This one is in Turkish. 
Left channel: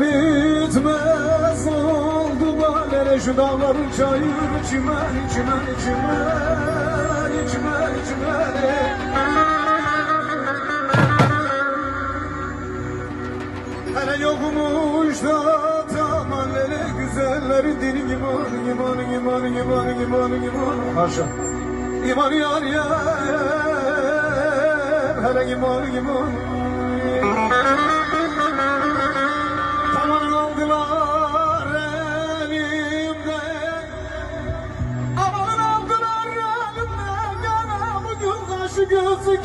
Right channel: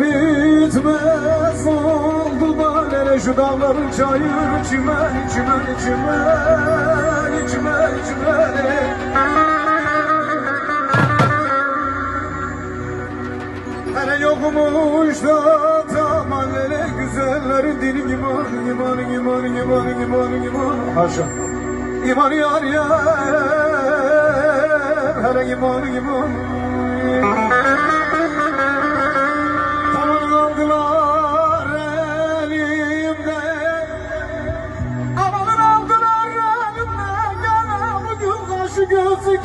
bitmez oldu da nere şu dağlar çayır çimen çimen çimen çimen çimen. Hele yokmuş da tamam hele güzelleri dilim iman iman iman iman iman iman. Haşa. İman yar yar hele iman iman. Şu gözü